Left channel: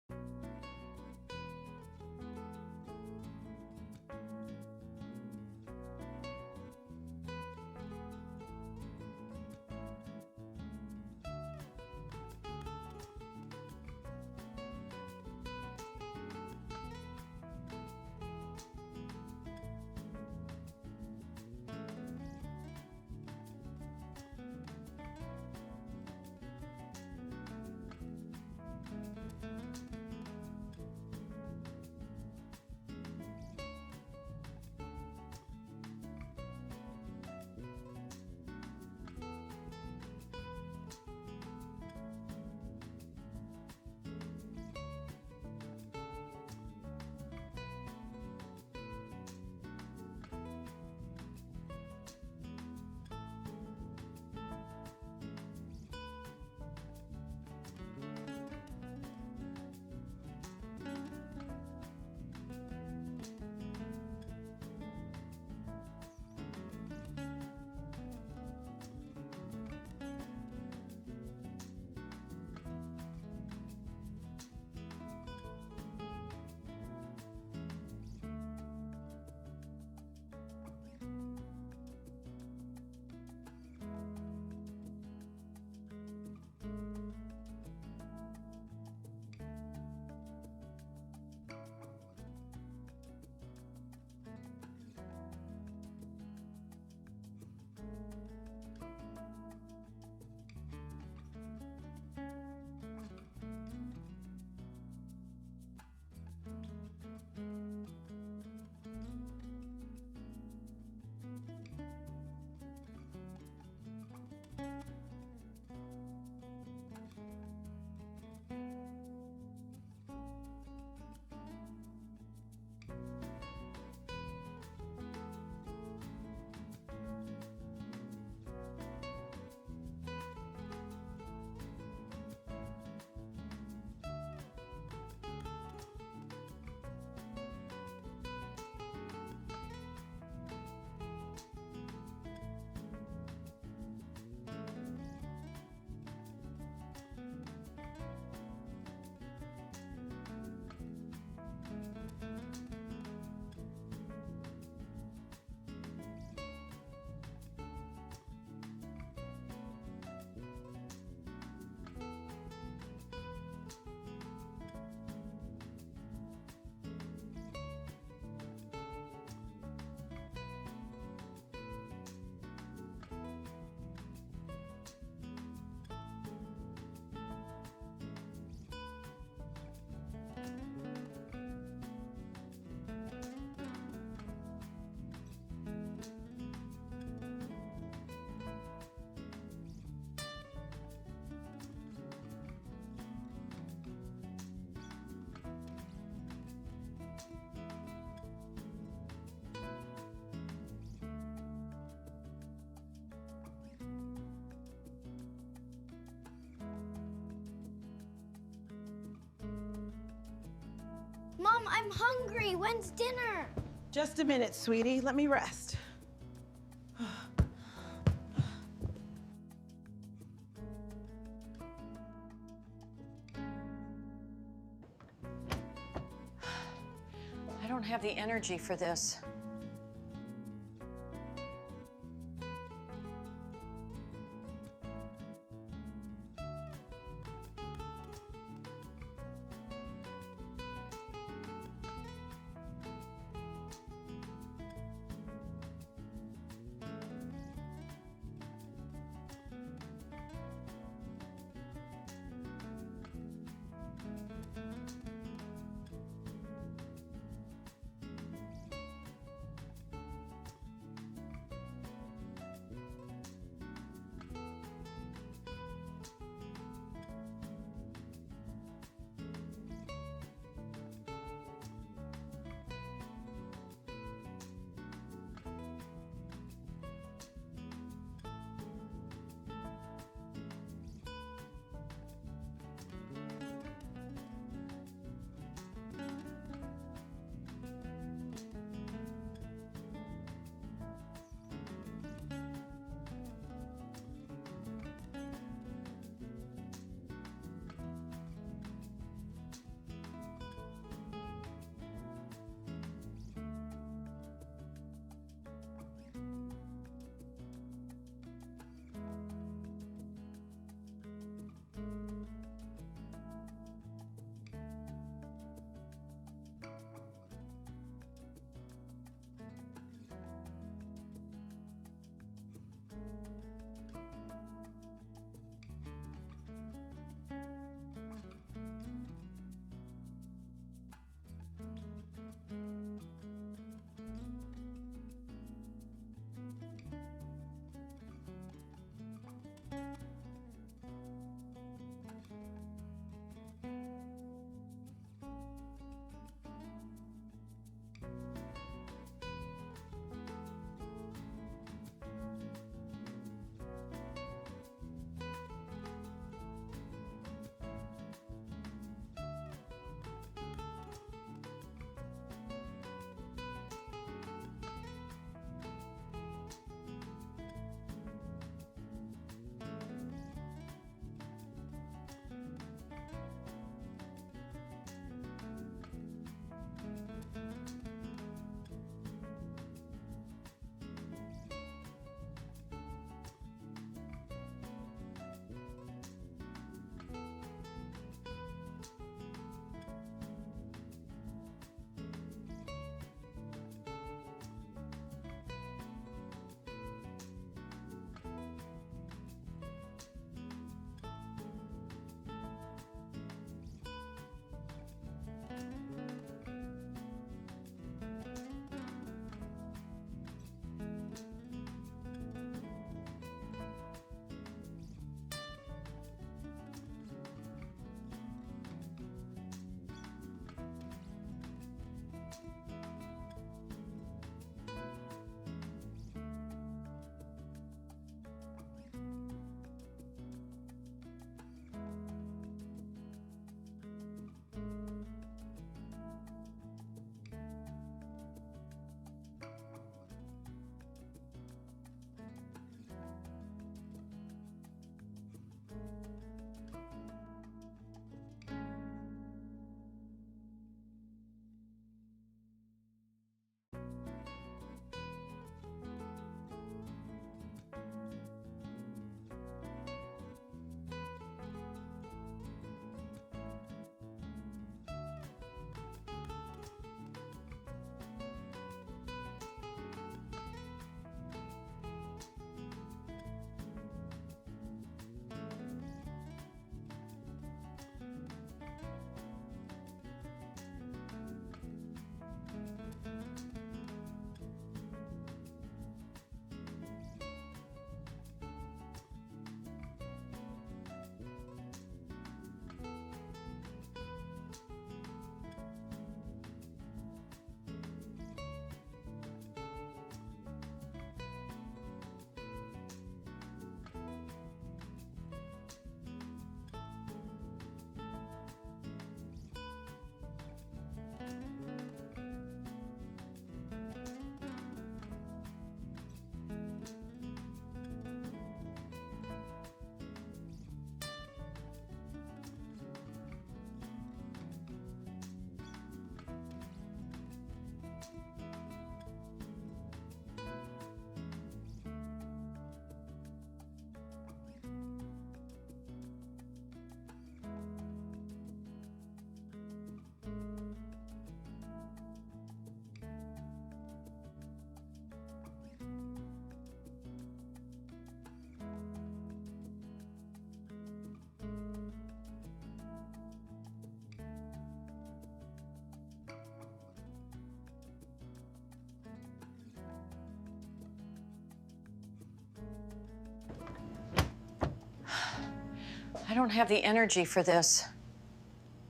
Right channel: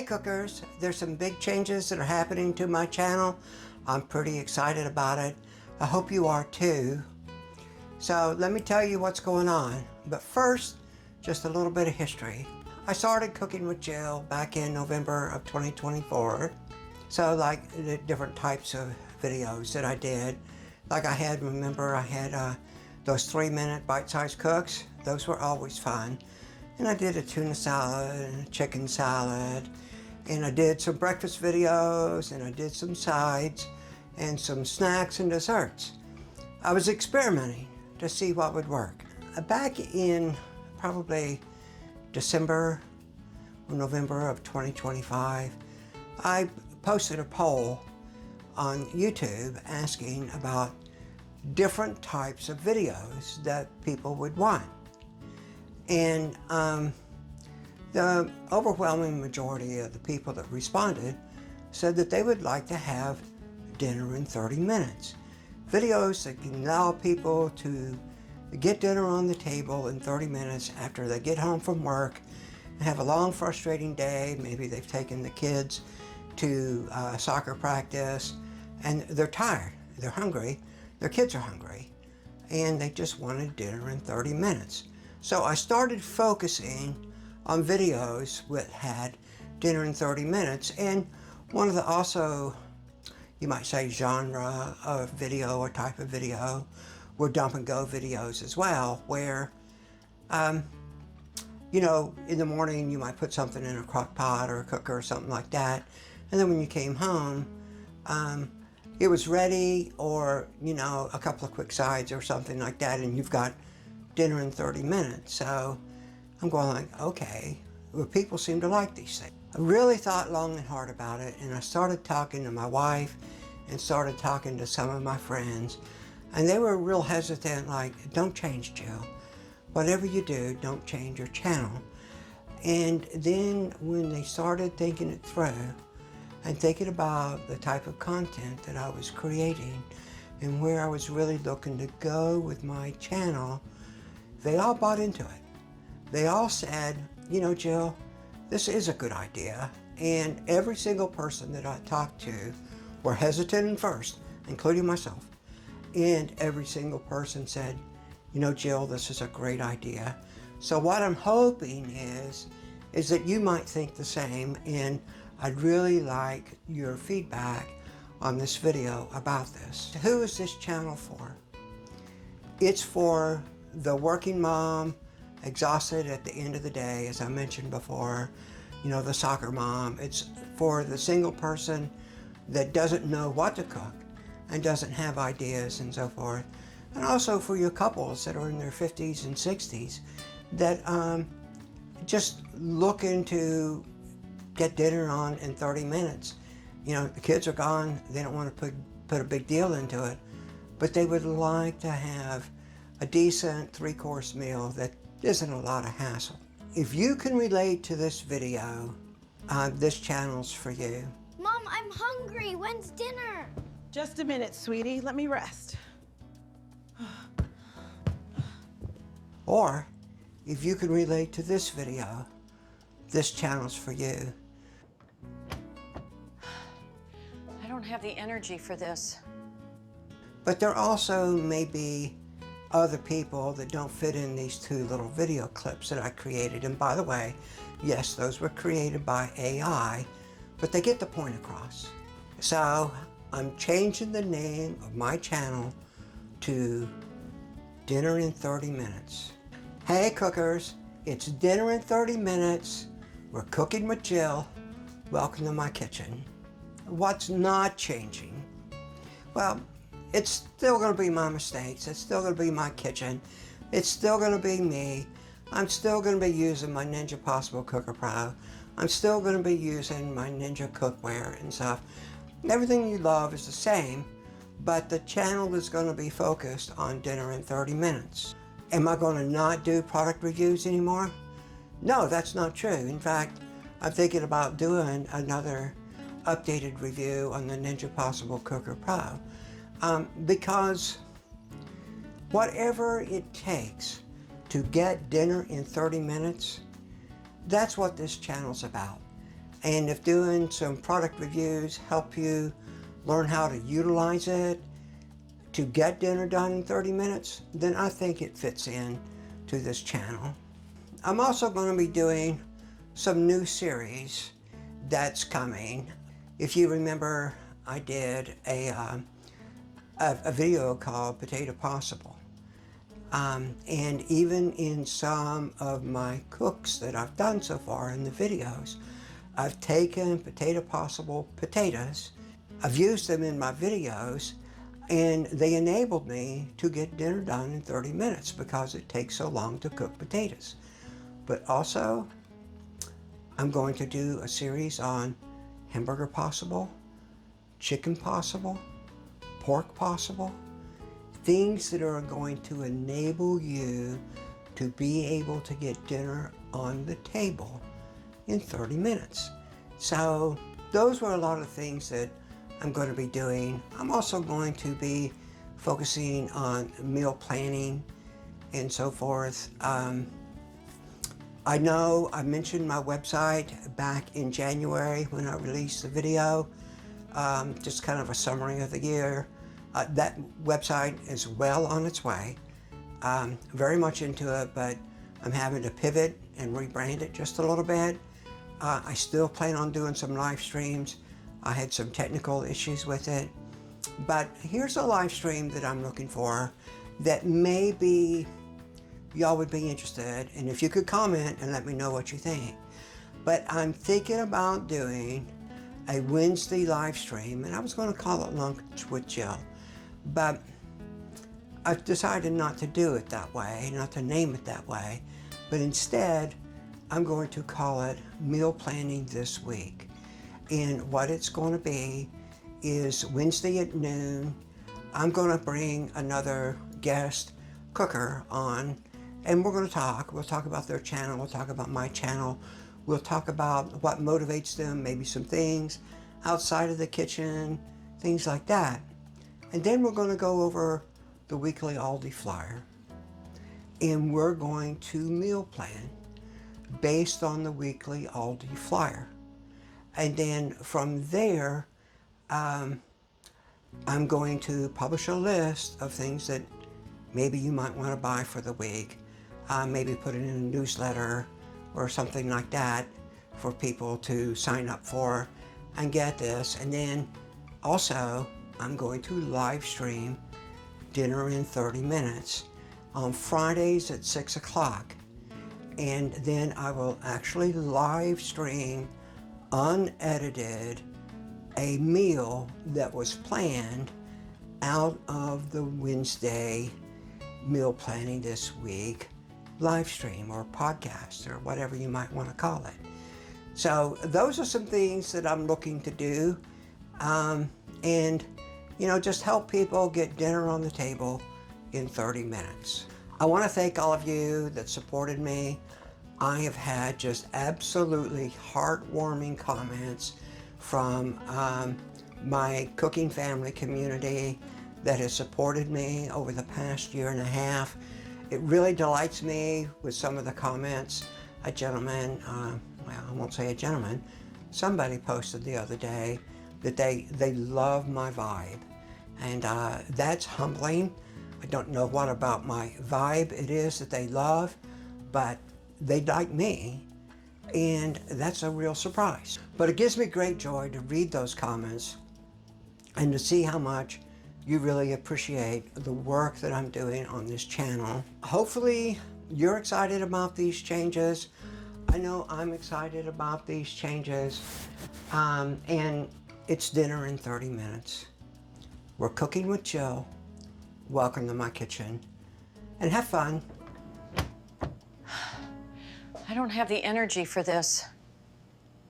Hey cookers, there's some big changes that are happening to my channel. I'm pretty excited about it. I hope you are too. So let me tell you what's going on. But first, just a little bit of history. I started cooking with Jill back in November of 2024. So like the different types of videos that I did. Like I had those 3-minute bite-sized cooks. Those were always fun. And I did a tuna salad and a chicken salad. And I did some breakfast videos, and I did some sides and some snacks and desserts. I was experimenting to see what would work. Back in probably December or November of 2025, I posted a poll on YouTube asking about different types of videos that people would want. And the overwhelming majority of the people that responded said that they would like to have dinner in 30 minutes. Videos that can allow people to get dinner on the table in 30 minutes after they get home from work and have a long, frustrating day. Maybe they've taken the kids to soccer practice and they're tired, they're hungry, their kids are hungry, and they just wanted dinner in 30 minutes. So I started focusing on videos that had dinner in 30 minutes, and one of the also, you might say, genre of video or type of video were dump and go videos as well, where you know, in the morning you might put something in a crock pot or a cooker or something like that, and then when you came home it was ready, or you know, a couple of quick sides or something like that, and you've got dinner in 30 minutes. So I'm going like, okay, well, people seem to like these things. I really thought long and hard about it, and I started talking to my wife and started talking to some of my friends, and they were real hesitant, like, don't change, Jill. Whatever you do, don't change your channel. And then when they started thinking it through and thinking about the type of content that I was creating and where I was really looking to go with my channel, they all bought into it. They all said, you know, Jill, this is a good idea. And every single person that I talked to were hesitant at first, including myself. And every single person said, you know, Jill, this is a great idea. So what I'm hoping is that you might think the same, and I'd really like your feedback on this video about this. Who is this channel for? It's for the working mom, exhausted at the end of the day, as I mentioned before, you know, the soccer mom. It's for the single person that doesn't know what to cook and doesn't have ideas and so forth. And also for your couples that are in their 50s and 60s that just looking to get dinner on in 30 minutes. You know, the kids are gone, they don't want to put a big deal into it, but they would like to have a decent 3-course meal that isn't a lot of hassle. If you can relate to this video, this channel's for you. Mom, I'm hungry. When's dinner? Just a minute, sweetie. Let me rest. Or, if you can relate to this video, this channel's for you. I don't have the energy for this. But there also may be other people that don't fit in these 2 little video clips that I created. And by the way, yes, those were created by AI, but they get the point across. So I'm changing the name of my channel to Dinner in 30 Minutes. Hey cookers, it's Dinner in 30 Minutes. We're cooking with Jill. Welcome to my kitchen. What's not changing? Well, it's still going to be my mistakes. It's still going to be my kitchen. It's still going to be me. I'm still going to be using my Ninja PossibleCooker Pro. I'm still going to be using my Ninja cookware and stuff. Everything you love is the same, but the channel is going to be focused on dinner in 30 minutes. Am I going to not do product reviews anymore? No, that's not true. In fact, I'm thinking about doing another updated review on the Ninja PossibleCooker Pro. Because whatever it takes to get dinner in 30 minutes, that's what this channel's about. And if doing some product reviews help you learn how to utilize it to get dinner done in 30 minutes, then I think it fits in to this channel. I'm also going to be doing some new series that's coming. If you remember, I did a video called Potato Possible. And even in some of my cooks that I've done so far in the videos, I've taken Potato Possible potatoes, I've used them in my videos, and they enabled me to get dinner done in 30 minutes because it takes so long to cook potatoes. But also, I'm going to do a series on Hamburger Possible, Chicken Possible, Pork Possible, things that are going to enable you to be able to get dinner on the table in 30 minutes. So those were a lot of things that I'm going to be doing. I'm also going to be focusing on meal planning and so forth. I know I mentioned my website back in January when I released the video, just kind of a summary of the year. That website is well on its way. Very much into it, but I'm having to pivot and rebrand it just a little bit. I still plan on doing some live streams. I had some technical issues with it, but here's a live stream that I'm looking for that maybe y'all would be interested, and if you could comment and let me know what you think. But I'm thinking about doing a Wednesday live stream, and I was going to call it Lunch with Jill, but I've decided not to do it that way, not to name it that way, but instead I'm going to call it Meal Planning This Week. And what it's going to be is Wednesday at noon, I'm going to bring another guest cooker on, and we're going to talk. We'll talk about their channel, we'll talk about my channel, we'll talk about what motivates them, maybe some things outside of the kitchen, things like that. And then we're going to go over the weekly Aldi flyer, and we're going to meal plan based on the weekly Aldi flyer. And then from there, I'm going to publish a list of things that maybe you might want to buy for the week. Maybe put it in a newsletter or something like that for people to sign up for and get this. And then also, I'm going to live stream dinner in 30 minutes on Fridays at 6 o'clock. And then I will actually live stream unedited a meal that was planned out of the Wednesday meal planning this week live stream or podcast or whatever you might want to call it. So those are some things that I'm looking to do, and just help people get dinner on the table in 30 minutes. I want to thank all of you that supported me. I have had just absolutely heartwarming comments from my cooking family community that has supported me over the past year and a half. It really delights me with some of the comments. A gentleman, well, I won't say a gentleman, somebody posted the other day that they love my vibe. And that's humbling. I don't know what about my vibe it is that they love, but they like me, and that's a real surprise. But it gives me great joy to read those comments and to see how much you really appreciate the work that I'm doing on this channel. Hopefully you're excited about these changes. I know I'm excited about these changes, and it's dinner in 30 minutes. We're cooking with Jill. Welcome to my kitchen, and have fun. I don't have the energy for this.